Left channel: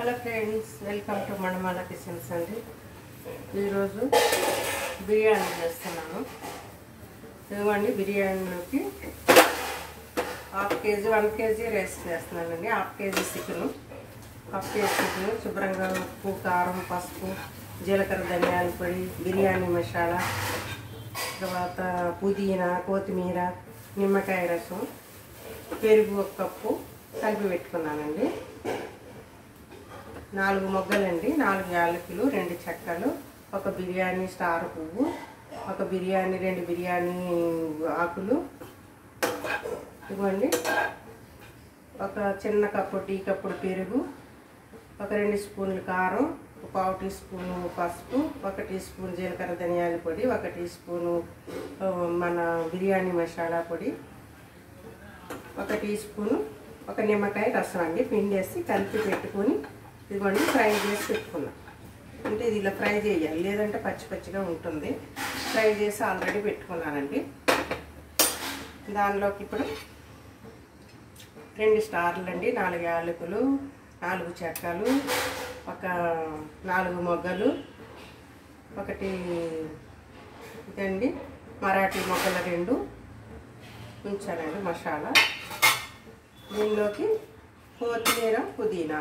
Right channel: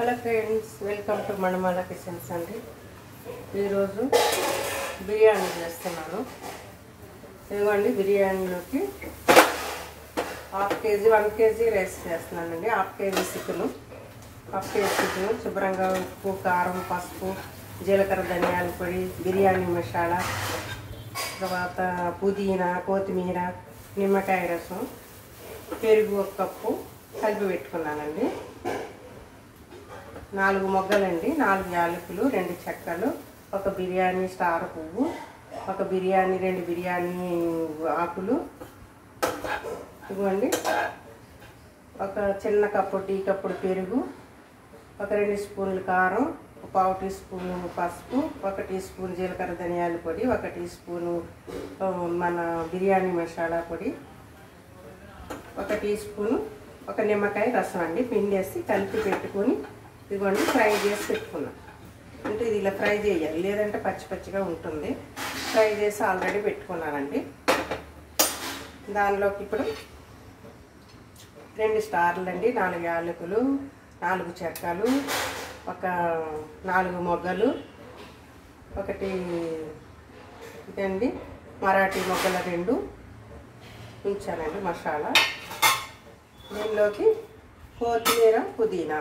Hello friends, welcome to Manimala kitchens అండి. ఈరోజు బిర్యానీ చేస్తున్నాను. ఇదిగోండి, బిర్యానీలోకి హాఫ్ కేజీ 1 కేజీ రైస్ చేస్తున్నానండి. హాఫ్ కేజీ చికెను శుభ్రంగా ఉప్పు, కారం, పసుపు, జీలకర్ర, ధనియాల పొడి, బిర్యానీ మసాలా, తర్వాత పుదీనా, కొత్తిమీర, నిమ్మకాయ రసం, పెరుగు 1 కప్పు కలిపి పెట్టుకున్నానండి. 4 మొగ్గలండి, 4 యాలకులు, 2 చెక్కలు, 1 బిర్యానీ స్టార్ పువ్వు, 1 బిర్యానీ 2 బిర్యానీ ఆకులు, ఇవ్వండి 1 చిన్న కప్పు టీ కప్పుడు పెరుగు, 1 2 స్పూన్లు కారం, 1/4 టీ స్పూన్ పసుపు, 1 టీ స్పూన్ జీలకర్ర ధనియాల పొడి, 1 టీ స్పూను మన బిర్యానీ మసాలా పొడి, 1 టీ స్పూను 1 నిమ్మకాయ రసం అండి. పిండేసి కలిపి పెట్టుకొని ఇదిగోండి ఫ్రై చేసి పెట్టుకున్నాం. అంటే ఇది ఇలా ఫ్రై చేయాలి, లేదంటే పచ్చి పచ్చిగా ఉంటుంది. ఫ్రై చేసి ఆల్రెడీ పెట్టుకున్నానండి. దానిలోకి ఇప్పుడు 2 స్టార్లు అండి, 4 యాలకులు, 4 చెక్కలు, 4 మొగ్గలు, 1 ఇదండి మరాఠీ మొగ్గల 2 ఉంచానండి మసాలా. దీనిలోకి కొత్తిమీర, పుదీనా,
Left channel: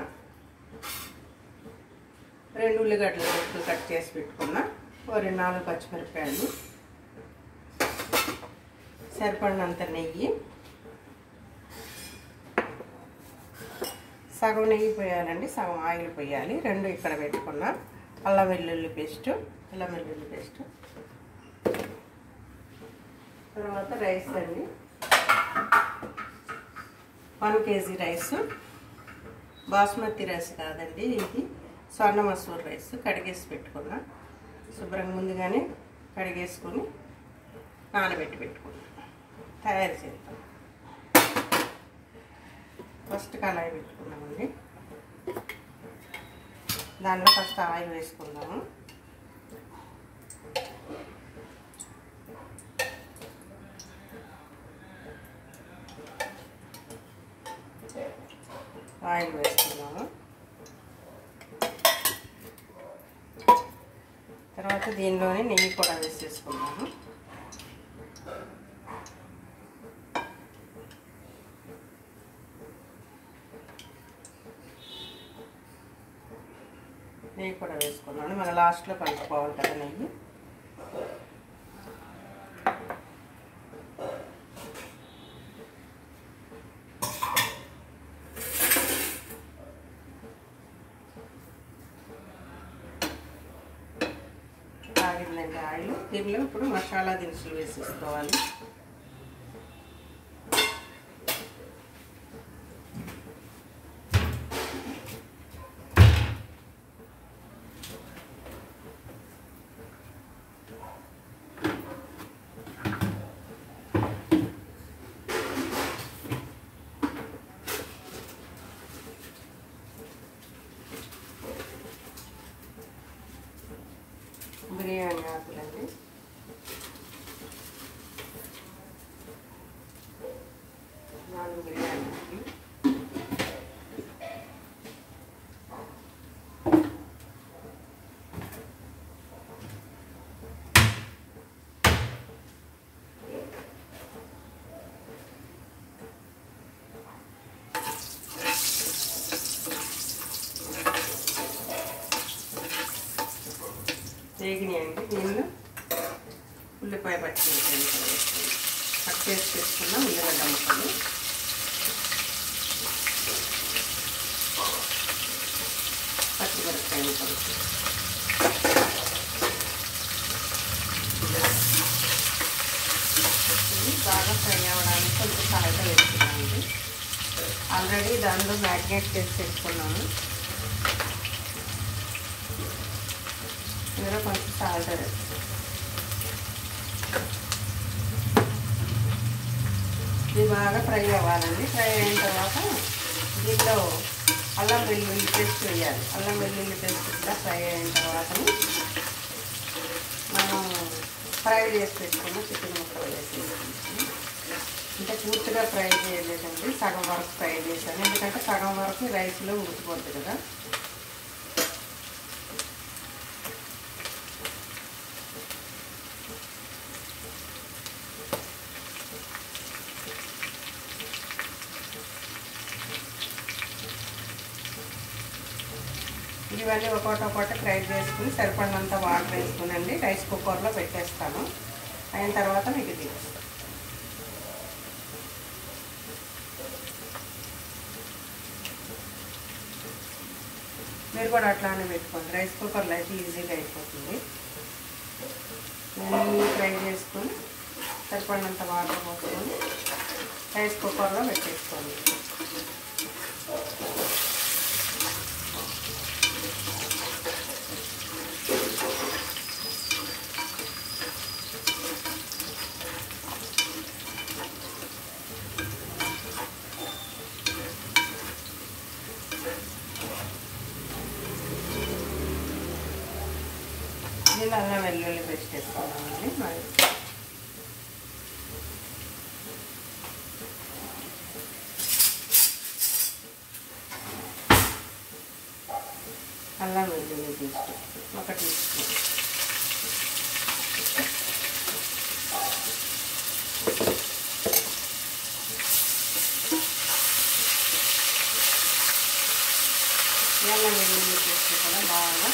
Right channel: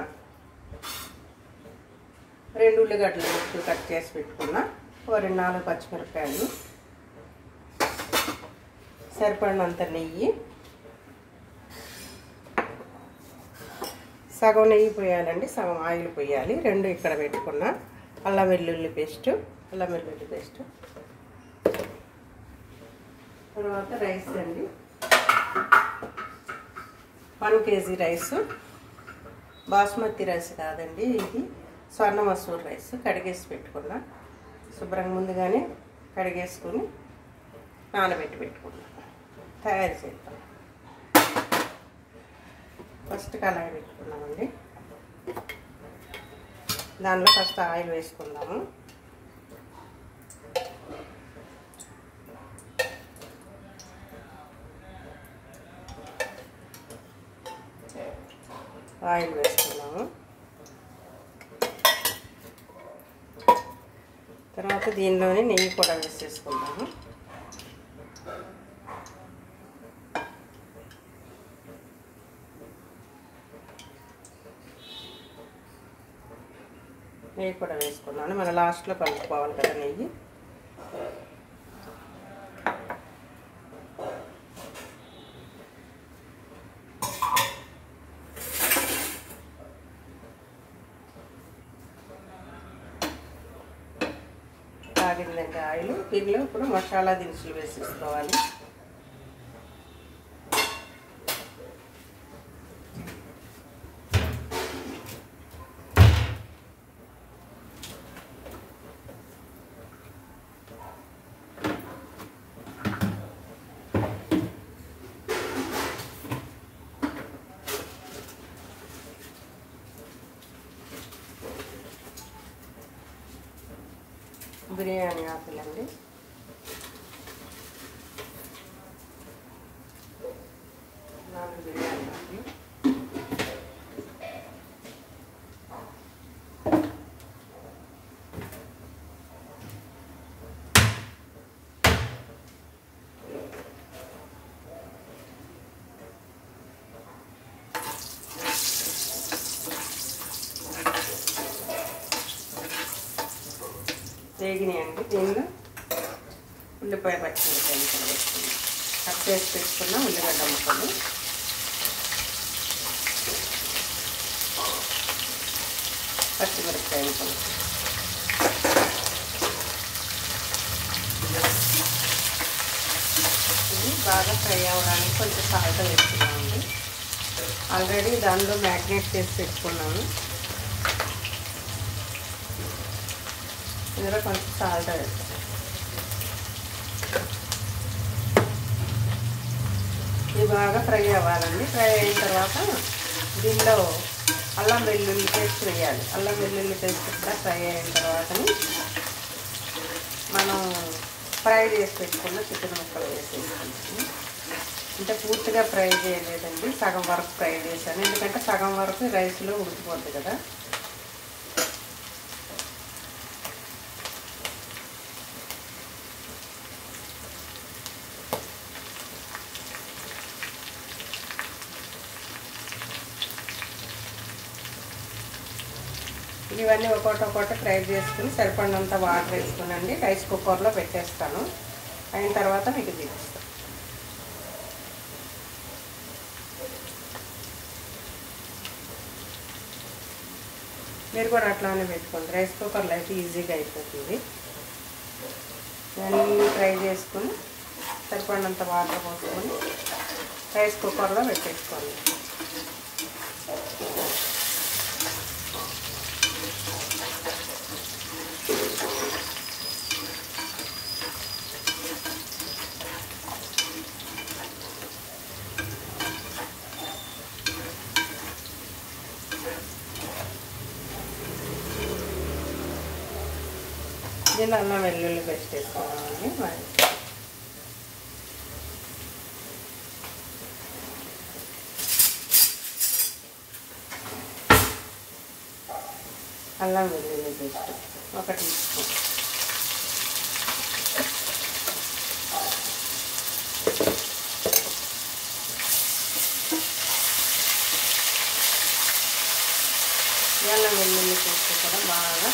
2 ఉల్లిగడ్డలు ముక్కలు కట్ చేసి పెట్టుకున్నా, 4 పచ్చిమిరపకాయలు, సరిపడినంత నెయ్యి, సగం నెయ్యి పోయాలండి, సగం ఆయిల్ పోయాలి. 2 ఇక్కడ పెట్టుకున్నా. అల్లం వెల్లుల్లి పేస్ట్, తర్వాత రైస్ అండి. 1 కేజీ రైస్, బాస్మతి రైస్ కాదండి, ఇది స్వర్ణ మసూర్ రైస్. కడిగేసి పెట్టుకున్నా, శుభ్రంగా ముందుగానే కడిగేసుకొని నానబెట్టి పెట్టుకున్నా. తయారు చేద్దాం. ఫస్ట్ కళాయి పెట్టుకున్నామండి. దానిలో ఫస్ట్ ఆయిల్ వేసుకుందాము. ఆయిల్ వేసుకున్నాము. తర్వాత దీనిలోనే నెయ్యి కూడా వేసేసుకుందాము. నెయ్యి కూడా వేసుకున్నాను. మన లాస్ట్లో కలుపుకోవాలి కదా నెయ్యి. కాగిందండి ఆయిల్. దీనిలో ఇప్పుడు మసాలా దినుసులు వేసేసుకోవాలి. బిర్యానీ ఆకులండి, బిర్యానీ ఆకులు, వేగినాయండి. దీనిలో ఉల్లిపాయ పచ్చిమిరపకాయ ముక్కలు వేసుకుని కట్ చేసి పెట్టుకున్న ఉల్లిగడ్డ ముక్కలు, పచ్చిమిరపకాయ ముక్కలు, బాగా ఫ్రై అవ్వడానికి కొంచెం సాల్ట్ వేసుకున్నామండి. ఆల్రెడీ దానిలో మ్యారినేట్ చేసి పెట్టుకున్నాము. ఇందులో కొంచెం సాల్ట్ వేస్తాం. ఇది బాగా ఫ్రై అవ్వాలండి. ఫ్రై అయిన తర్వాత దీనిలో అల్లం వెల్లుల్లి పేస్ట్ వేయాలి. అల్లం వెల్లుల్లి పేస్ట్ కూడా ఫ్రై అయిన తర్వాత మనం ఫ్రై చేసి పెట్టుకున్న చికెన్ ముక్కలు వేసేసుకుంటాము. అంటే పూర్తిగా ఫ్రై చేయలేదండి, సగం వరకు ఫ్రై చేశాను. ఎందుకంటే సగం వరకు రైస్లో ఉడికిపోతుంది కదా. ఇవన్నీ ఒక్కొక్కటి ఫ్రై చేసుకుని సరిపడినంత వాటర్ వేసుకునండి రైస్ కుక్కర్లో పెట్టేస్తాను. అయిన తర్వాత మీకు చూపిస్తాను. మీరు కూడా అట్లానే పెట్టుకోండి. రైస్ కుక్కర్లో అయితే ఈజీగా అయిపోతుంది. అన్నీ ఫ్రై చేసుకొని సరిపడినంత వాటర్ పోసుకొని రైస్ కుక్కర్లో పెట్టేసుకోండి. దీన్ని అల్లం వెల్లుల్లి పేస్ట్ వేసుకోవాలండి. మరి అల్లం వెల్లుల్లి పేస్ట్ 1 టీ స్పూన్. అల్లం వెల్లుల్లి పేస్ట్ కూడా బాగా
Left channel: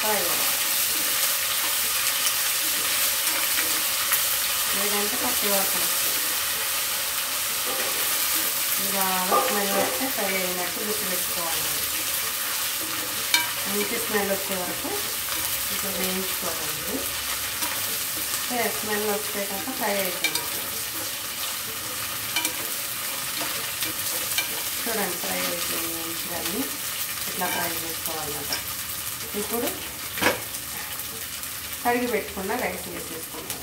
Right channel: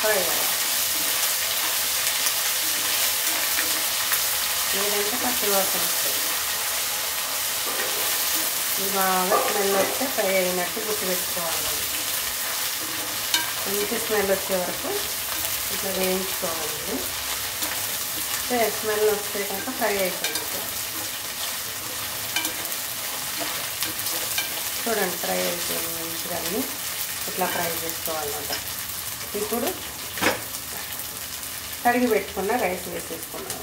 ఫ్రై అవ్వాలి. లేదంటే పచ్చి వాసన వస్తుంది. ఇది బాగా స్మెల్ వస్తే ఫ్రై అయినట్టు గుర్తుపెట్టుకోవాలి. మంచి స్మెల్ వచ్చే వరకు ఇట్లా వేయించుకోవాలండి. స్మెల్ వచ్చేటప్పుడు ఫ్రై అయిపోయింది. చూడండి ఫ్రై అయిపోయింది మంచిగా. ఇట్లా ఫ్రై చేసుకోవాలన్నమాట. ఇప్పుడు కడిగి పెట్టుకున్న రైస్ వేసేసుకున్నాను.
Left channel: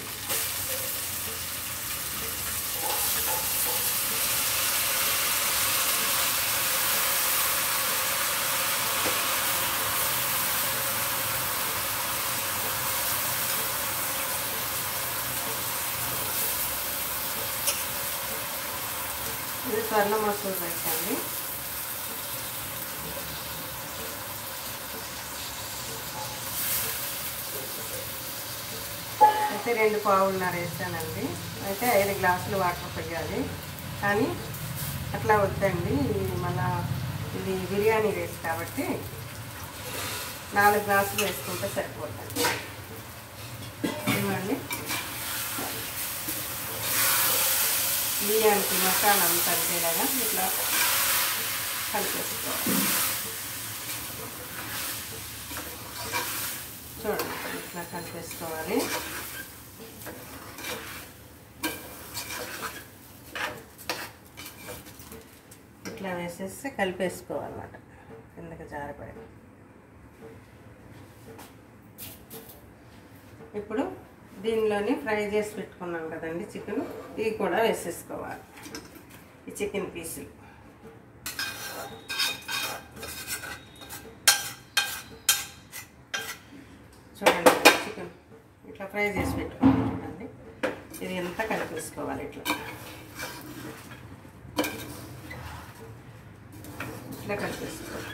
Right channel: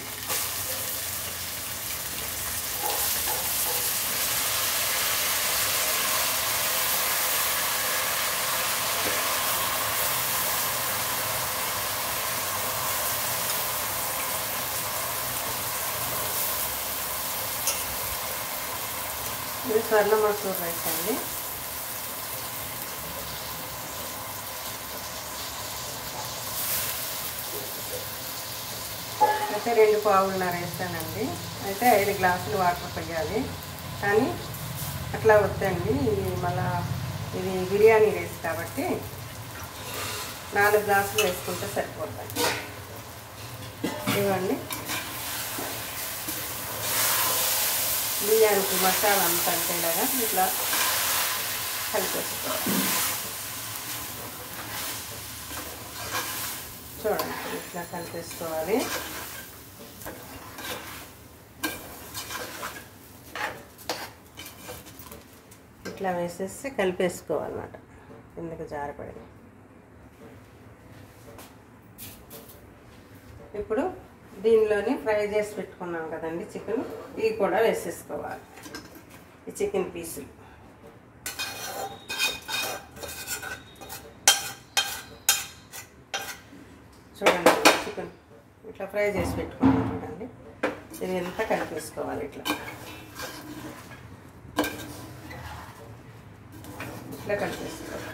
ఇది సర్ల మసాలా రైస్ అండి. అయితే 2 పావులున్నర వేసానండి. అయితే 5 గ్లాసులు వాటర్ పోయాలి. కానీ అట్లా వద్దండి, మళ్ళా ఇది బిర్యానీ రైస్ కాబట్టి 4 గ్లాసులు వేసుకుంటే సరిపోతుంది. ఇవ్వండి బిర్యానీకి మసాలా అంతా కలిపేలాగా ఇట్లా కలిపేసుకోవాలి. చూడండి ఇట్లా కలిపేసుకోవాలి. ఇట్లా వేసేసి కలిపేసుకోవాలన్నమాట. కిందకి జారపడి ఇప్పుడు దీనిలోని ఫ్రై చేసి పెట్టుకున్నాం కదండి చికెన్, ఇవి కూడా వేసేసుకోవాలి. ఈ చికెన్ పీసులు చూడండి. చికెన్ ఇట్లా ఫ్రై చేసి పెట్టుకున్నాం చూడండి. ఇది ఎంత కలిపేసుకోవాలి. ఇట్లా కలిపేసుకోవాలి.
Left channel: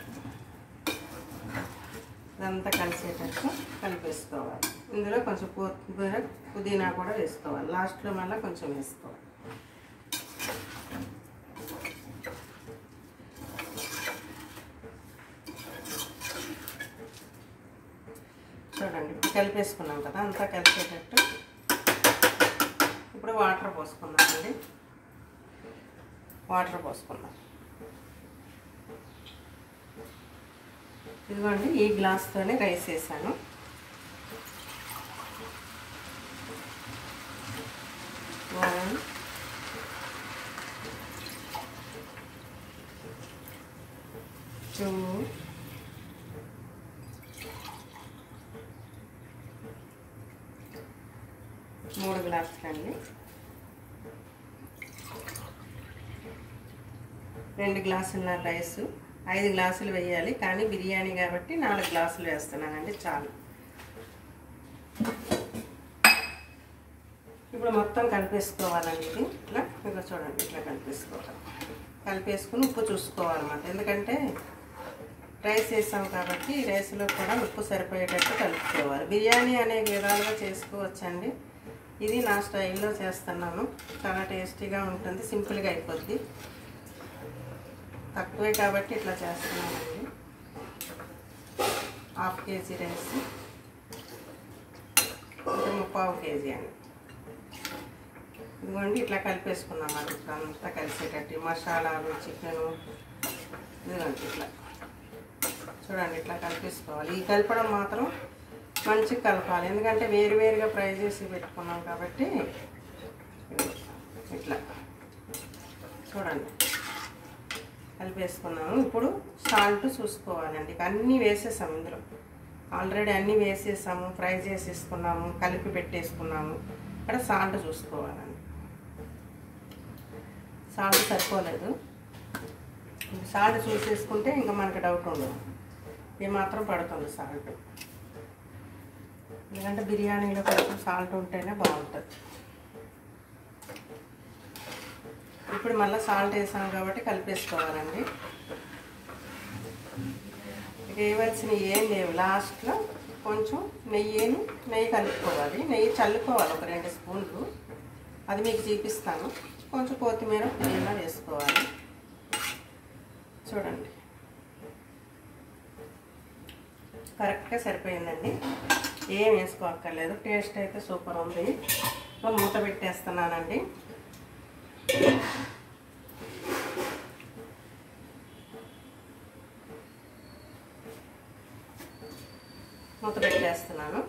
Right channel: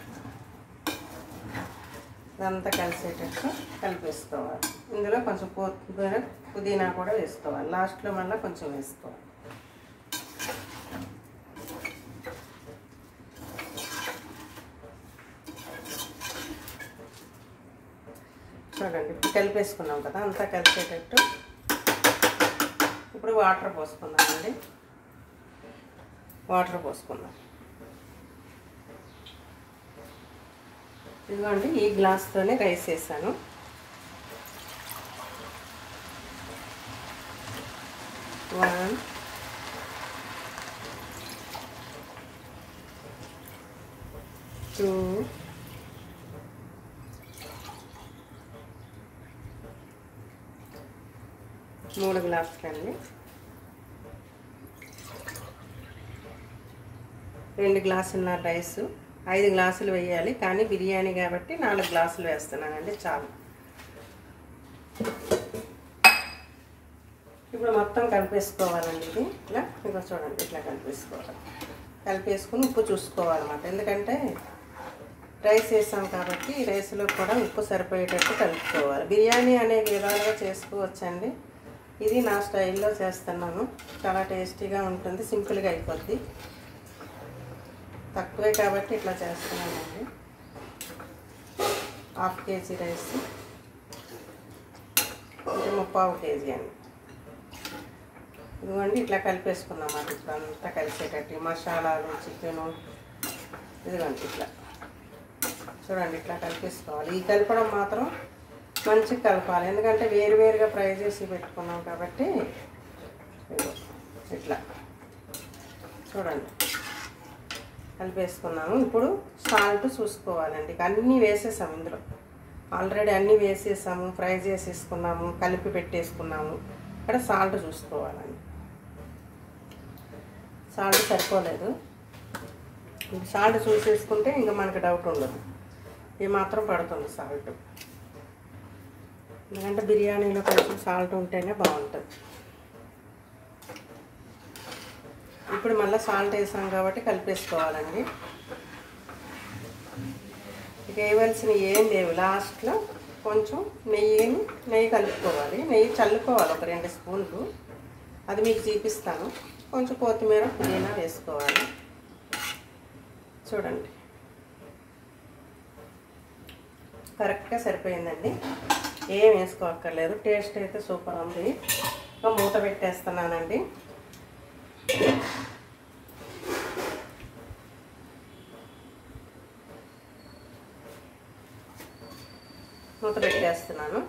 ఇదంతా కలిసేటట్టు కలిపేసుకోవాలి. ఇందులో కొంచెం కొత్తిమీర పుదీనా కూడా వేసుకోవాలి. లాస్ట్లో మళ్ళీ కొంచెం వేసుకోవాలి. చూడండి ఇప్పుడు కలిపేసుకున్నాం కదా, అంతా కలిసేటట్టు. ఇప్పుడు వాటర్ పోసుకున్నామండి. వాటర్ పోసుకున్నాం. ఇదిగోండి ఈ గ్లాస్తోనే రైస్ వేసాను. One, two, 3 గ్లాసులండి. 2 గ్లాసుల రైసు 5 గ్లాసులు వేయాలి. కానీ బిర్యానీ కాబట్టి 4 గ్లాసులు వేస్తున్నానండి, చాలు. ఇప్పుడు మొత్తం కలిపేసుకోవాలండి. ఇట్లా ఇదిగో చూడండి ఇట్లా కలిపేసుకోవాలి. కలిపేసుకుని ఉప్పు చూసుకోవాలన్నమాట. ఎందుకంటే రైస్ వేసాం కాబట్టి రైస్లో కూడా ఉప్పు సరిపోయేటట్టు కలుపుకోవాలి. బిర్యానీ అనే విధాలుగా చేసుకోవచ్చండి. ఇది నా స్టైల్లో చేస్తున్నాను. చాలా టేస్టీగా ఉంటుంది, సింపుల్గా అయిపోద్ది. తక్కువే కాబట్టి ఇట్లా చేస్తున్నానండి. హాఫ్ కేజీ రైస్, ఇది 3/4 కేజీ అండి. ఇదిగోండి ఇట్లా కలిపేసుకున్నాం. అది ఇప్పుడు అంతా కలిసేటట్టు మసాలాలు, చికెను ఇదిగోండి ఇట్లా చూడండి ఇట్లా కలిపేసుకోవాలి. ఈ కలపడం మాత్రం మంచిగా కలపాలి, ఎందుకంటే వేరువేరుగా ఫ్రై చేసి పెట్టుకున్నాం కాబట్టి. ఇట్లా చూడండి కలిపేసుకున్నాము. ఇప్పుడు సాల్ట్ చూసుకోవాలండి. అన్నీ వేసేసాము, ఇందులో ఆల్రెడీ అన్నీ వేసేసాము, ఫ్రై చేసేసుకున్నాము, కలిపి పెట్టేసుకున్నాము. ఇక్కడ సాల్ట్ చూసుకోవాలండి. సాల్ట్ సరిపోలేదు, సాల్ట్ చూసేసుకుంటే ఇంకా మనకు డౌట్ ఉండదు. ఇది మాత్రం పడుతుంది సాల్ట్, ఎందుకంటే బిర్యానీలో కొంచెం సాల్ట్ ఉంటేనే బాగుంటుంది. ఇప్పుడు మళ్ళీ సాల్ట్ వేసాం కాబట్టి కలిపేసుకోవాలండి. ఇక వేయవలసినవి ఏం లేవు. లాస్ట్లో కొంచెం నెయ్యి కలుపుకోవాలి. నెయ్యి చల్లుకోవాలి ఒక 2 స్పూన్లు, అది మీకు చూపిస్తాను. కొంచెం కొత్తిమీర, పుదీనా వేసుకోవాలి. చూడండి కరెక్ట్గా సరిపోయిందండి, ఏం వేసుకోక్కర్లేదు. టేస్ట్ అయితే సూపర్ ఉంది. ఇంకా మూత పెట్టేస్తున్నానండి. మూత పెట్టేస్తున్నాను.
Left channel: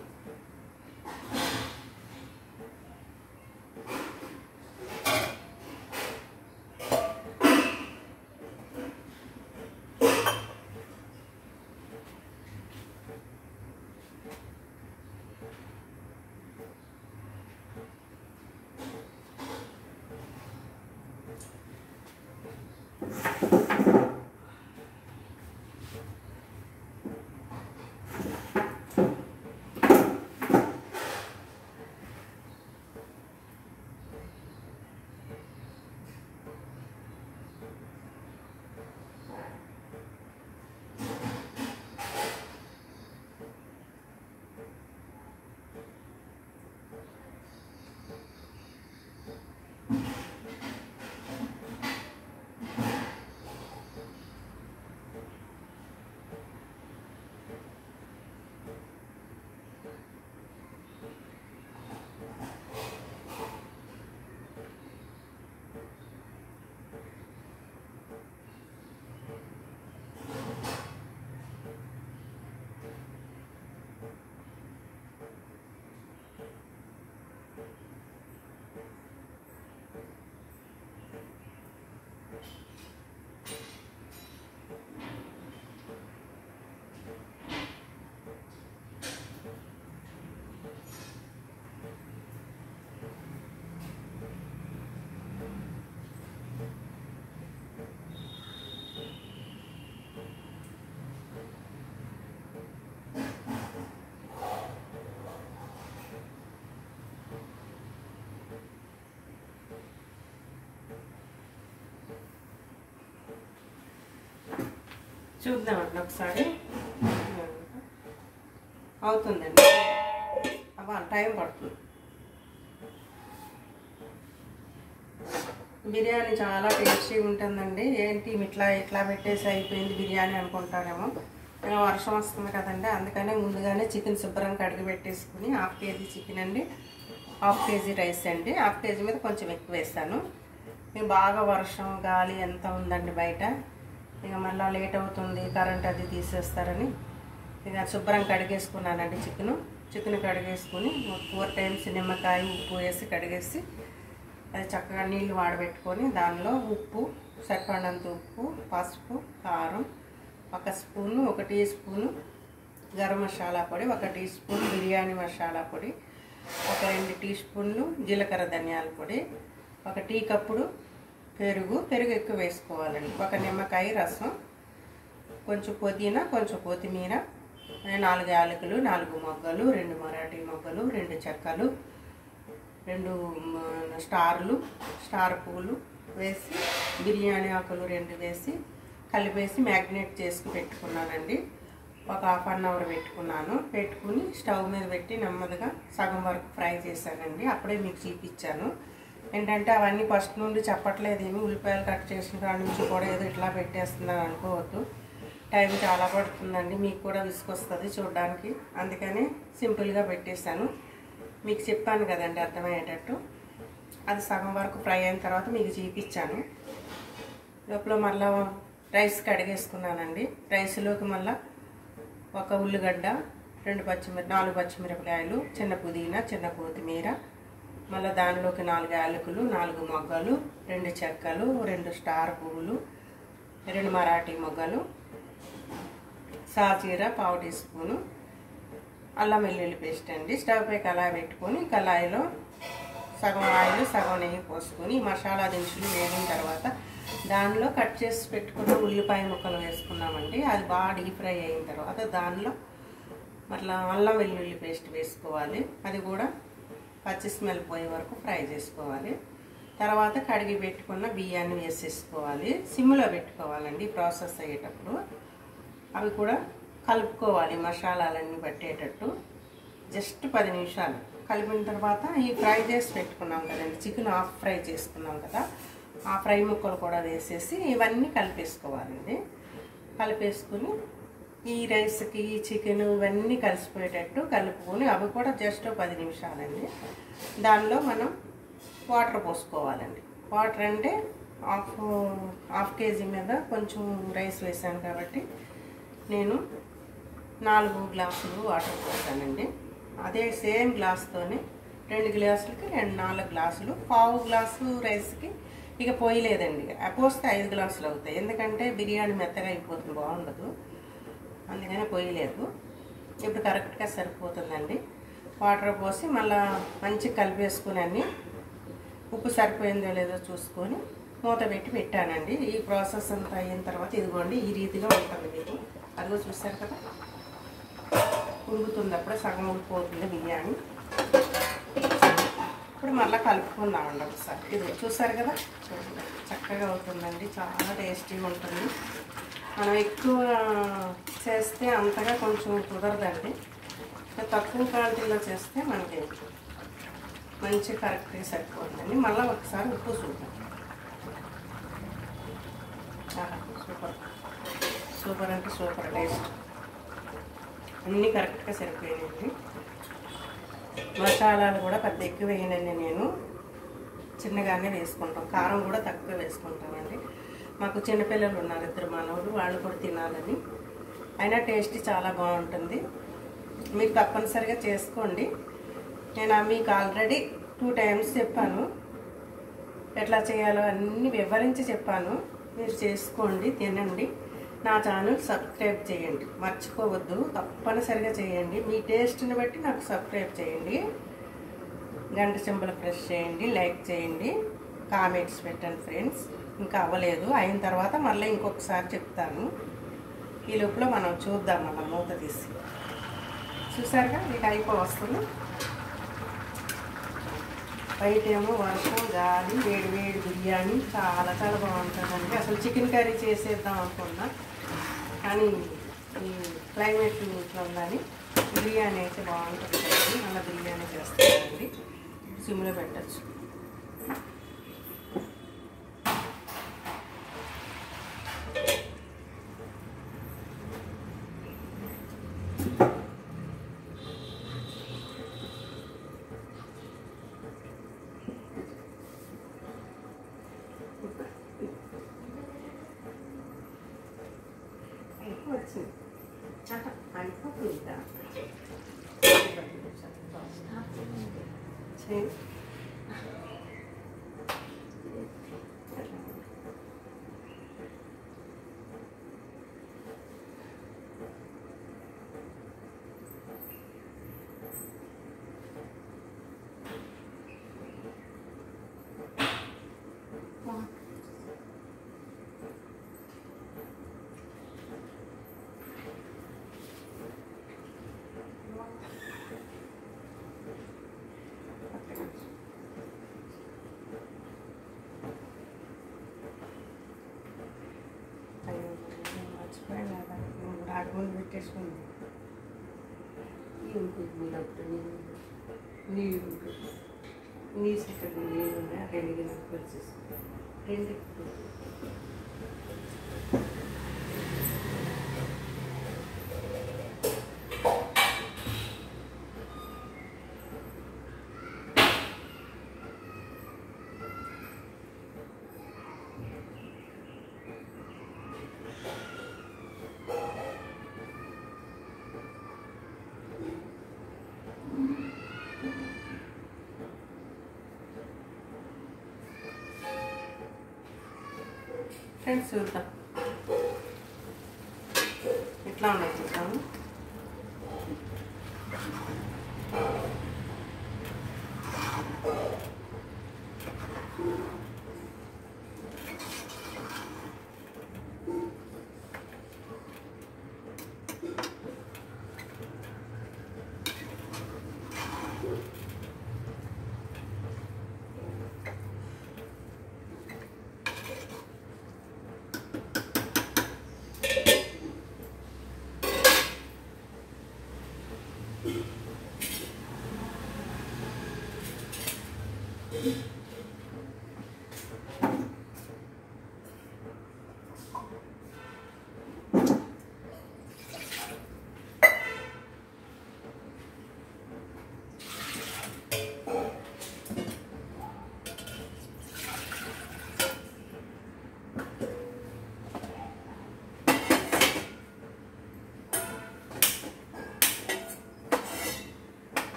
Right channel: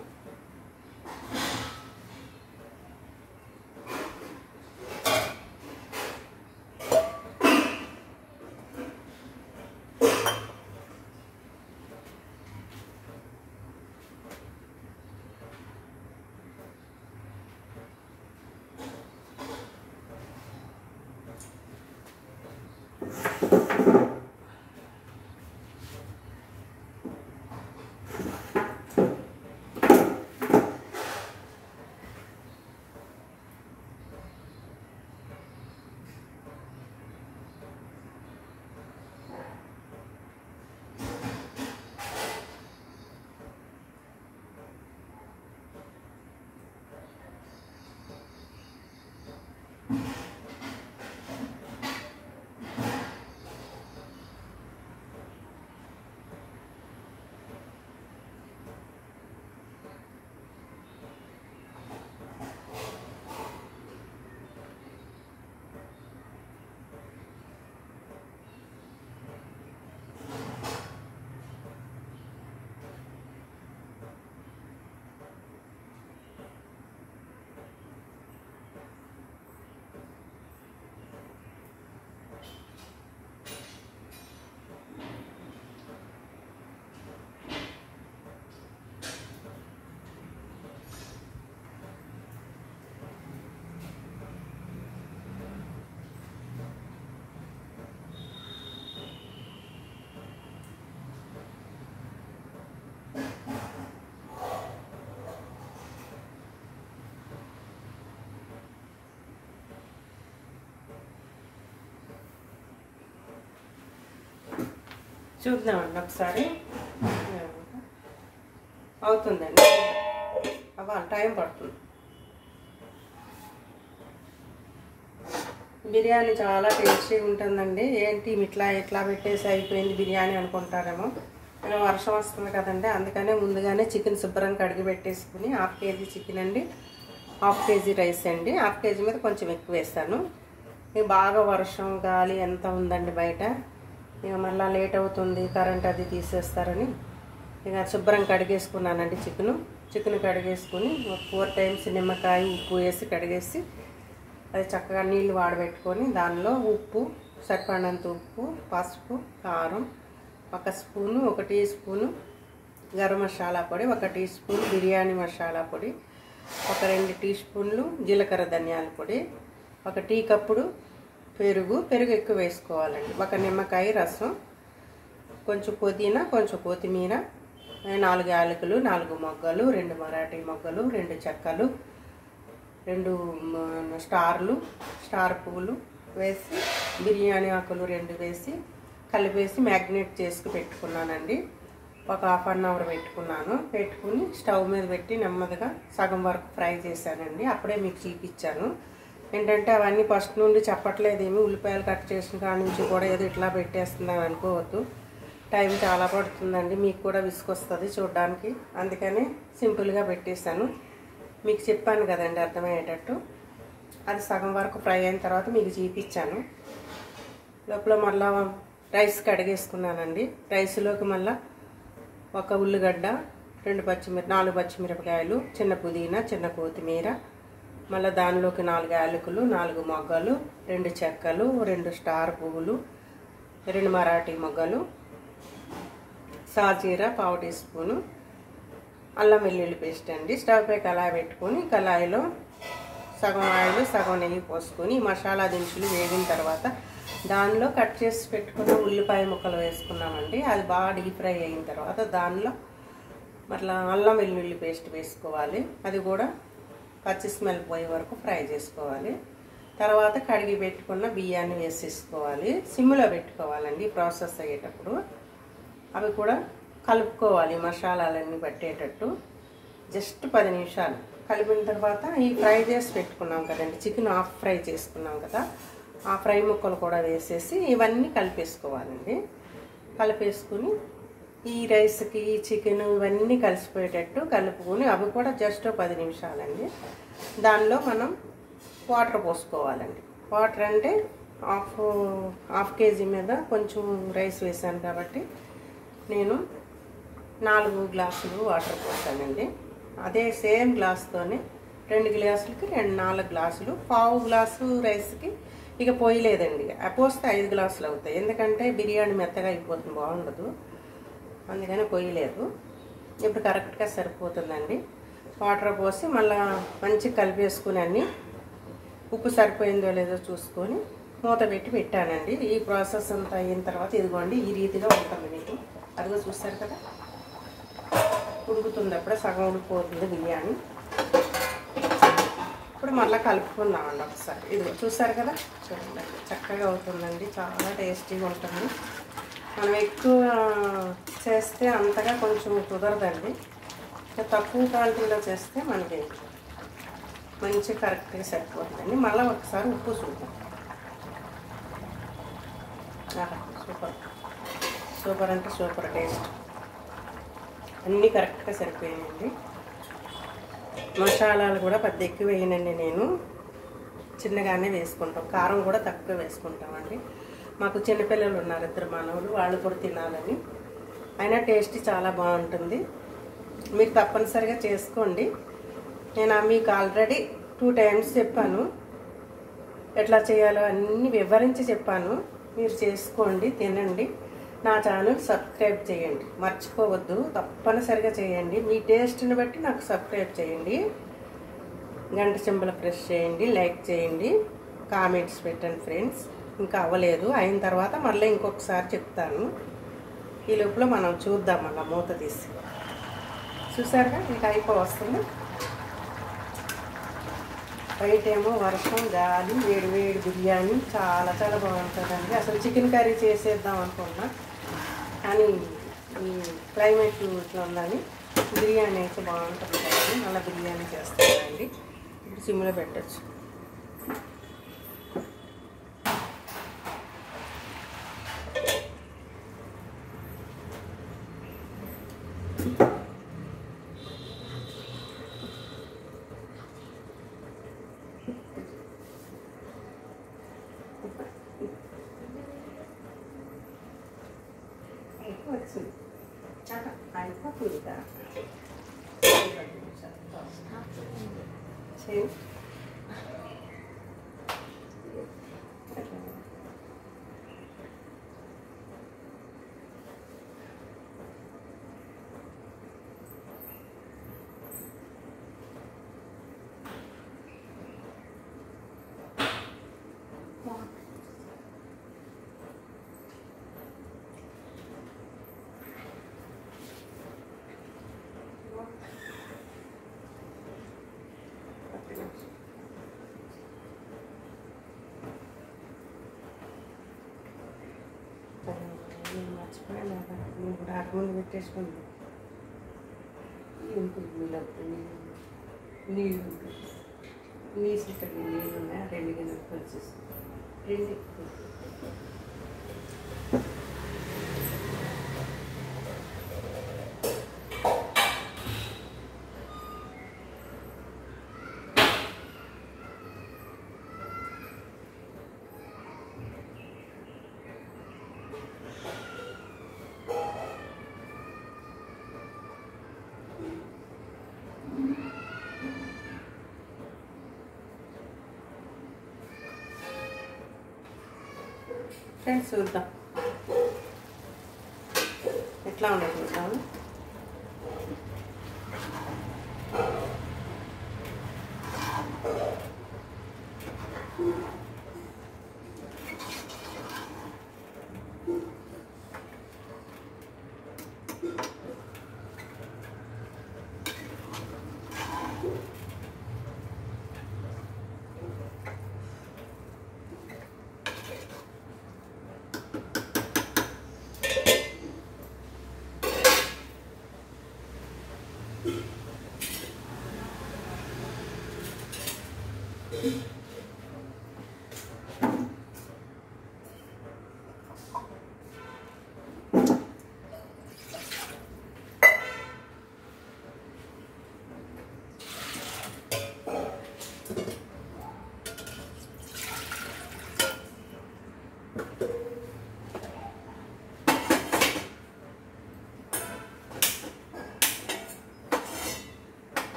చూద్దామండి ఒకసారి. అవుతుందండి, అవ్వాలి, టైం పడుతుంది. బిర్యానీ చాలా టేస్టీగా ఉంటుందండి. ఏంటి ఇట్లా పెట్టేసి అయిపోయింది బిర్యానీ అనుకుంటారేమో. వర్షం వస్తుంది కదండి, అందుకనే ముందుగానే చికెన్ శుభ్రంగా కడిగి పెట్టేసుకుని 1/2 కేజీ చికెన్ అండి, 1/2 కేజీ రైస్ అండి. 1/2 కేజీ మీద కొంచెం ఎక్కువ వేస్తాను. ఇక బాగా వర్షం గాలి ఎంత ఉందండి బయట. ఇక మళ్ళీ లేట్ అవుతుంది, కరెంట్ అది తీసేస్తారని ఇక శుభ్రం కడిగేసుకున్నానండి. చికెన్ కడిగేసుకుని 4 టైమ్స్ నిమ్మకాయ, ఉప్పు వేసి కడిగేసి అది చక్కగా నీళ్ళు వాడబెట్టుకొని దానిలో ఉప్పు, సరిపడినంత ఉప్పు, పసుపు, కారం, 1 spoon, 1 tea spoon garam masala పొడి, 1 టీ స్పూన్ బిర్యానీ మసాలా పొడి, 2 టీ స్పూన్లు జీలకర్ర ధనియాల పొడి, 1 టీ కప్పుడు పెరుగు ఎక్కువ వేసుకోవాలండి, 1 నిమ్మకాయ రసం, కొంచెం పుదీనా, కొంచెం కొత్తిమీర, 4 యాలకులు, 4 మొగ్గలు, 2 మరాఠీ మొగ్గలు, 2 చెక్కలు, 2 స్టార్ పువ్వులు వేసి, బిర్యానీ ఆకులు 2 వేసి కలిపేసి మ్యాగ్నేట్ చేసి పెట్టుకున్నానండి. ఒక 1/2 అవర్ పెట్టుకుని స్టవ్ మీద పెట్టి నెమ్మదిగా సగం వరకు ఫ్రై చేశానండి. అప్పుడే మీకు చూపించాను. ఏంటంటే అవన్నీ ఫస్ట్ నుండి చెప్పట్లేదు, ఏమి ఉల్లిపాయలు కట్ చేసిన కాడ నుంచి కూడా ఏదో ఇట్లా పెట్టేస్తున్నాను అనుకోవద్దు. టైం చాలా పడుతుందండి, మీకు కూడా విసుకొస్తుంది చూడడానికి. అందుకని సింపుల్గా పెట్టేశాను. మీకు చెప్పాను కదండి అర్థమయ్యేటట్టు. అది సగం వరకు ఫ్రై అయిన తర్వాత మీకు చూపించాను. లోపల మళ్ళీ రైస్ కడిగేసుకున్నానండి. రైస్లోకి మళ్ళీ ఒక ఉల్లిగడ్డ, 4 పచ్చిమిరపకాయలు, చిన్న పుదీనా, చిన్న కొత్తిమీర, మళ్ళీ దానిలోకి 4 యాలకులు, 4 మొగ్గలు, 2 చెక్కలు, 2 స్టార్ పువ్వులు, 2 మరాఠీ మొగ్గలు, సాజీర 1/2 టీ స్పూను, అల్లం వెల్లుల్లి పేస్ట్ అండి. స్టవ్ పై కళాయి పెట్టుకొని కళాయిలో సగం ఆయిల్ సగం నెయ్యి పోసుకొని మసాలా దినుసులు వేగిన తర్వాత దానిలో కట్ చేసి పెట్టుకున్న ఉల్లిపాయ ముక్కలు వేసుకున్నామండి. అది బాగా డీప్ ఫ్రై అయిన తర్వాత దానిలో మళ్ళీ అల్లం వెల్లుల్లి పేస్ట్ వేసుకోవాలి. అది కూడా పచ్చి స్మెల్ పోయే వరకు ఫ్రై చేసుకోవాలి. తర్వాత కడిగి పెట్టుకున్న బియ్యాన్ని వేసేసుకోవాలి. సిమ్లో పెట్టుకోవాలండి ప్రాసెస్ అయ్యేటప్పుడు. అవి కూడా కలుపుకోవాలి మసాలాలన్నీ పట్టేటట్టు. జస్ట్ 10 నిమిషాలు కలిపిన తర్వాత ఈ ఫ్రై చేసి పెట్టుకున్నాం కదండి, చికెన్ హాఫ్ ఫ్రై చేసుకున్నాం కదా, ఆ ఫ్రై ముక్కలు కూడా వేసేసి ఇవన్నీ కలిపేసుకోవాలండి. కలిపేసుకుని ఈ రైస్కి ఈ చికెన్ ఇవన్నీ కలిసిపోయేటట్టు కలుపుకొని అవి కూడా జస్ట్ 10 నిమిషాలండి. దానిలో మనం వాటర్ పోసుకోవాలండి. వాటర్ అంటే హాఫ్ కేజీ మీద కొంచెం రైస్ వేసాను కాబట్టి నేను 4 గ్లాసులు వాటర్ పోసానండి. అదే సేమ్ గ్లాస్తోనే 2 గ్లాసులకి 4 గ్లాసులు, 1/2 గ్లాసు రైస్కి ఇక పోయలేదండి. పోస్తే 5 గ్లాసులు అవుతాయి. ఎందుకంటే బిర్యానీ మెత్తగా అయిపోతుంది, బాగుండదు. అందుకని పోయలేదు. ఇప్పుడు కరెక్ట్గా సరిపోతుందండి. వాటర్ పోసి మళ్ళీ మంచిగా కలిపేసుకుని అన్నీ ఉప్పు సరిపోయిందో లేదో చూసుకొని మూత పెట్టి పెట్టానండి. ఈ ప్రాసెస్ అంతా అయిన తర్వాత ఇదిగోండి ఈ రీతిగా ఉంటుంది మీకు. అదిగో చూస్తారు కదా, ఉడుకుతుంది. అప్పుడే సగం ఉడికిపోతుంది బిర్యానీ. ఇప్పుడు మళ్ళీ కలుపుకుందామండి ఒకసారి. ఇది చూసారు కదా, చక్కగా అవుతుందండి. చాలా టేస్టీగా ఉంటుంది. మనం ఎక్కువ చేస్తే అంతగా కొంచెం కుదరదండి. తక్కువ క్వాంటిటీలో చేస్తే మనకి మంచి కరెక్ట్గా సరిపోతుందండి. మళ్ళీ ఒకసారి ఉప్పు చూద్దాం. సూపర్ సూపర్ అంటే సూపర్ టేస్ట్. అన్నీ కరెక్ట్గా సరిపోయాయండి. మసాలాలు కూడా పెద్ద ఎక్కువ వేయనండి, నేను చిన్నగానే వేసుకుంటాం. కారం కూడా తక్కువ వేసుకుంటామండి. మాకు చిన్నపిల్లలు ఉన్నారు, 2 మనవలు, వాళ్ళు కూడా తినాలని. అయినా టేస్ట్ చాలా బాగుంటుంది. మీరు తప్పనిసరిగా చేసుకోండి. నేను మీకు ఆల్రెడీ 2 టైమ్స్ చెప్పాను, ఎట్లా చేయాలో అన్నీ వివరించి చెప్పాను. మీరు చేసుకోండి, తినండి. నా ఛానల్ సబ్స్క్రైబ్ చేయండి, మర్చిపోవద్దు. తప్పనిసరిగా చేయండి. మీ టేస్ట్ని బట్టి నాకు సబ్స్క్రైబ్ చేయండి. గంట సింబల్ ప్రెస్ చేయండి, లైక్ చేయండి, కామెంట్స్ పెట్టండి ఫ్రెండ్స్. ఇంకా అవ్వలేదు, అయిన తర్వాత మళ్ళీ ఇంకొకసారి చెప్తాను. ఈ లోపల మనం చూద్దాం. అలా మూత తీసి చూసారుగా, మీకు అయిపోవస్తుంది. బయటేమో వర్షం, గాలి, వేడి వేడి బిర్యానీ చాలా చాలా బాగుంటుందండి. అసలు చికెన్ కర్రీ చేసేద్దాం అనుకున్నా, కానీ ఈ క్లైమేట్ ఇట్లా ఉందని బిర్యానీ అయితే బాగుంటుంది కదండి. మళ్ళీ బిర్యానీ చేస్తానండి. ఇప్పుడు సిమ్లో పెట్టచ్చు. వచ్చింది అయిపోతుంది. ముందు పెట్టేసుకుంది. నీళ్ళు ఉన్నాయి, 2 గిన్నెలు వచ్చేసి 2 ఫ్రెండ్స్ చూద్దాం ఎట్లా ఉన్నాయి చూద్దాము.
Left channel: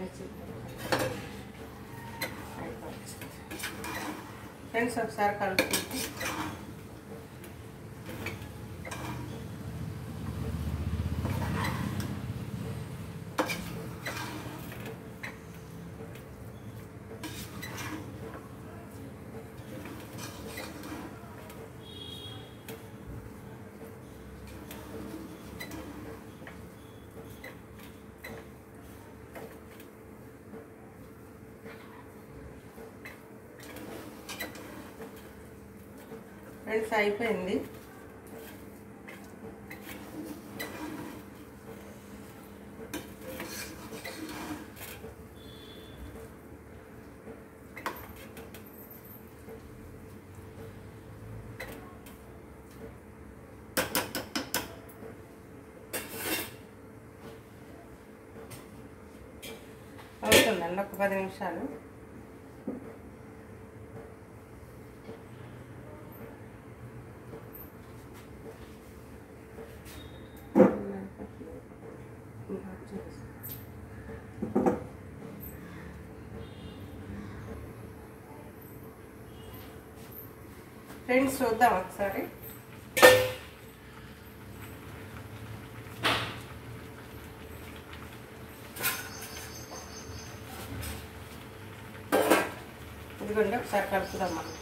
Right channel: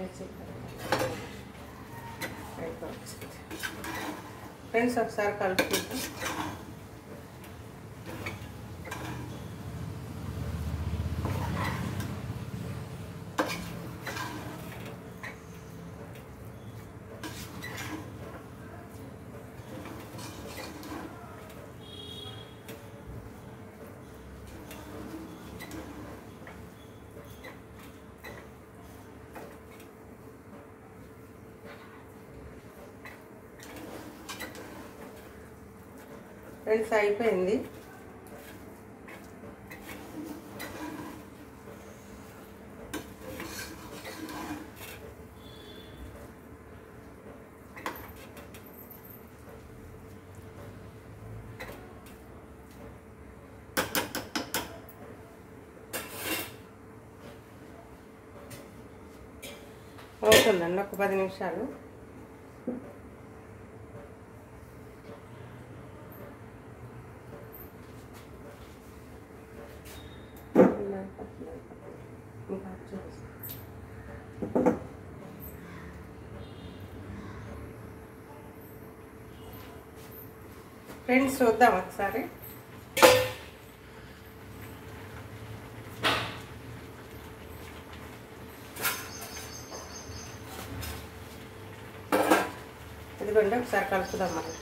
వచ్చేస్తుంటా ఫ్రెండ్స్ ఒకసారి కలుపుకుంటాం. ఫ్రెండ్స్ అయిపోయింది. అవుతుందండి ఒక 10 నిమిషాలు. ఫ్రెండ్స్ చూద్దాం ఒకసారి. ఇదిగోండి ఒకసారి కలుపుదాం మనం.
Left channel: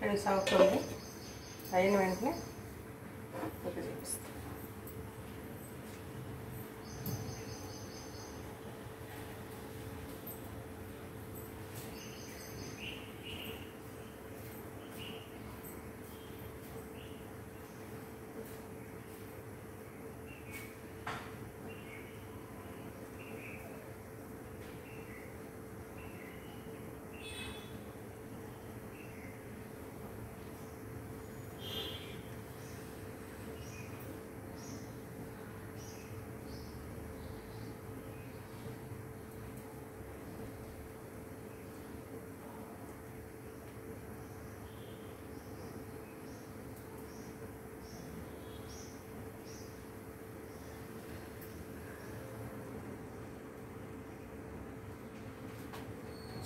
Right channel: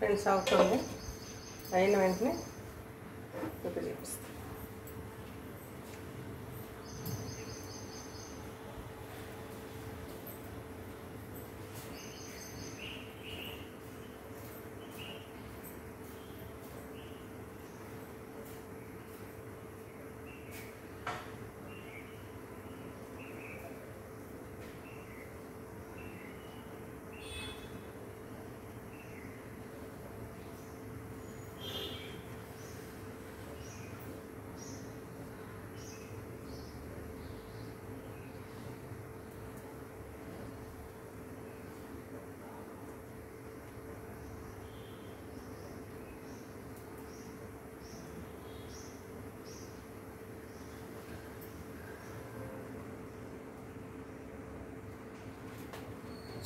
ఫ్రెండ్స్ అవుతుంది. అయిన వెంటనే ఒక చేపిస్తాం.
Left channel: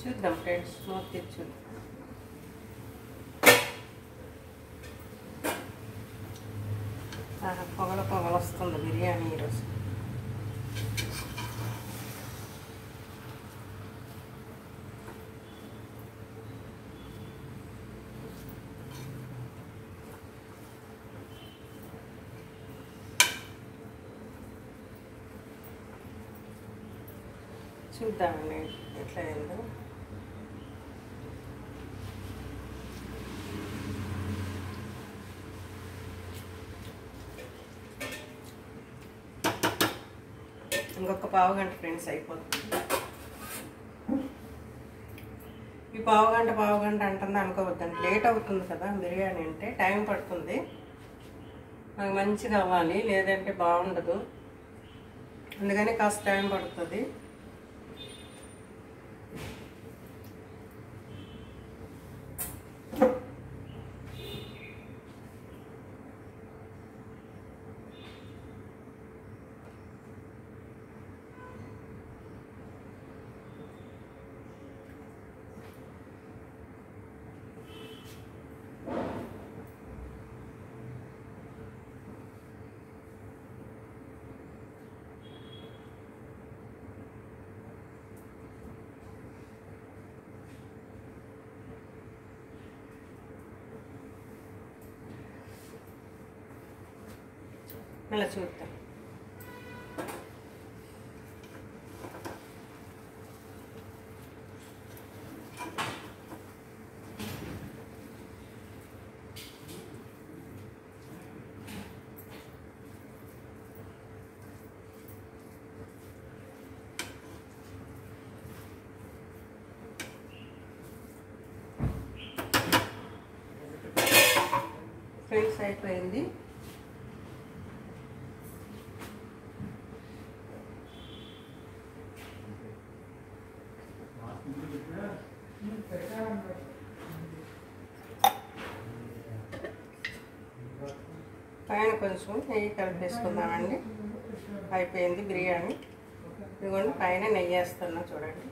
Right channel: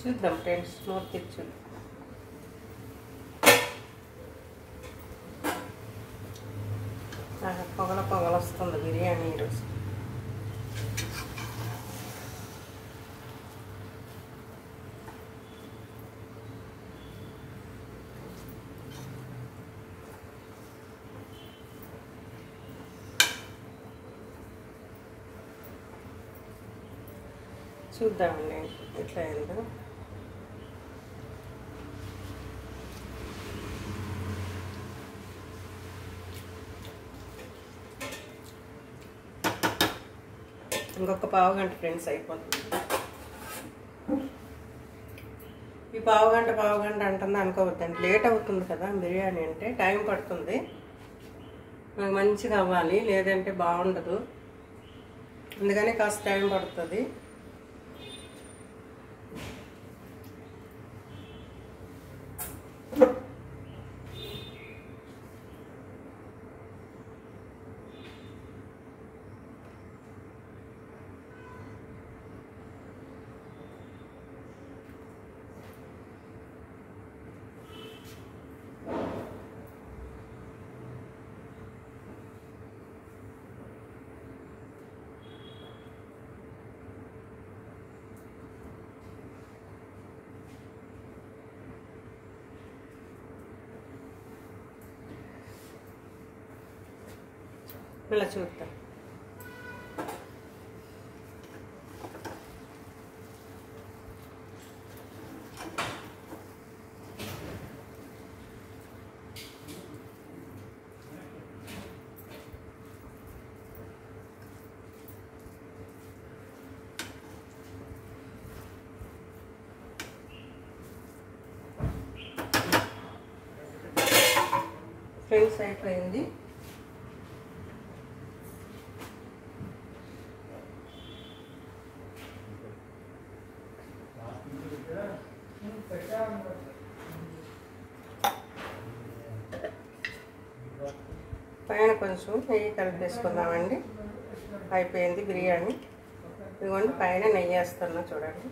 చూద్దాం ఫ్రెండ్స్ మూత తెచ్చుంది. చూద్దామండి ఎట్లా అయిందో. ఇంకొక పావు గంట ఫ్రెండ్స్ అయిపోతుంది. ఈ పావు గంట అంటుంది అనుకోవద్దండి, లేట్ అవుతుంది కదా. బిర్యానీ అంటే టైం పడుతుంది, నాకు మంచిగా అవ్వాలి, లేదంటే బాగుండదు. అందుకని కాస్త టైం పడుతుంది. ఇలా చూద్దాం. ఫ్రెండ్స్ అయిపోయింది. పైన కొంచెం నెయ్యి కలిపేసుకుందామండి. అయిపోయింది బిర్యానీ. ఇదిగోండి పైన నెయ్యి వేస్తున్నా చూడండి.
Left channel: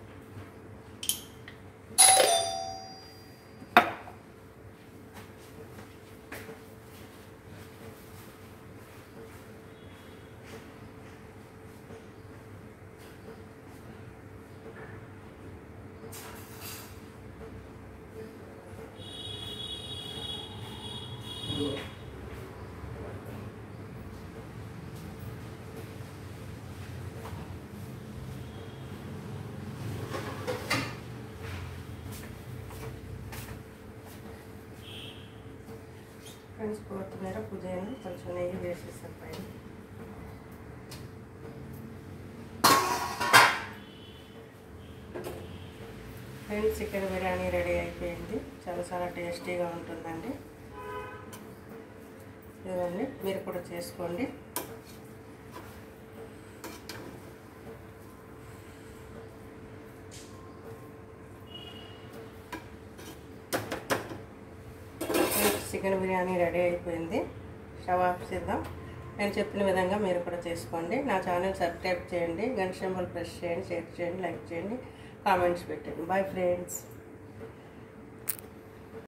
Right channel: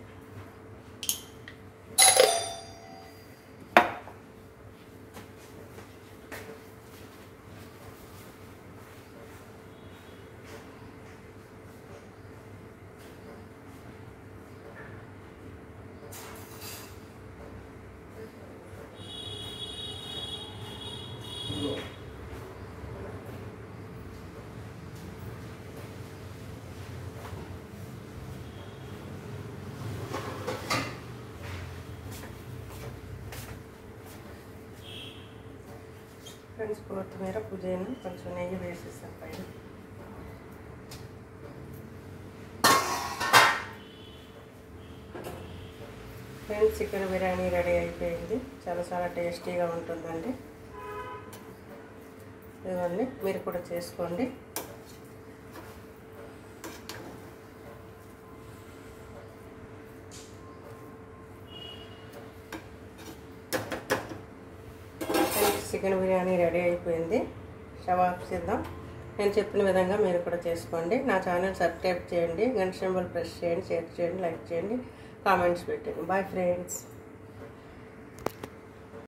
ఫ్రెండ్స్ కొత్తిమీర పుదీనా కొంచెం నెయ్యి వేసేస్తాం పైన. ఫ్రెండ్స్ చికెన్ బిర్యానీ రెడీ అయిపోయింది. చాలా టేస్టీగా ఉంటుందండి. ఇవన్నీ మీరు కూడా చేసుకోండి. చికెన్ బిర్యానీ రెడీ అయిపోయింది. స్టవ్ ఆఫ్ చేద్దాం. నేను చెప్పిన విధంగా మీరు కూడా చేసుకోండి. నా ఛానల్ సబ్స్క్రైబ్ చేయండి, గంట సింబల్ ప్రెస్ చేయండి, షేర్ చేయండి, లైక్ చేయండి, కామెంట్స్ పెట్టండి. Bye friends.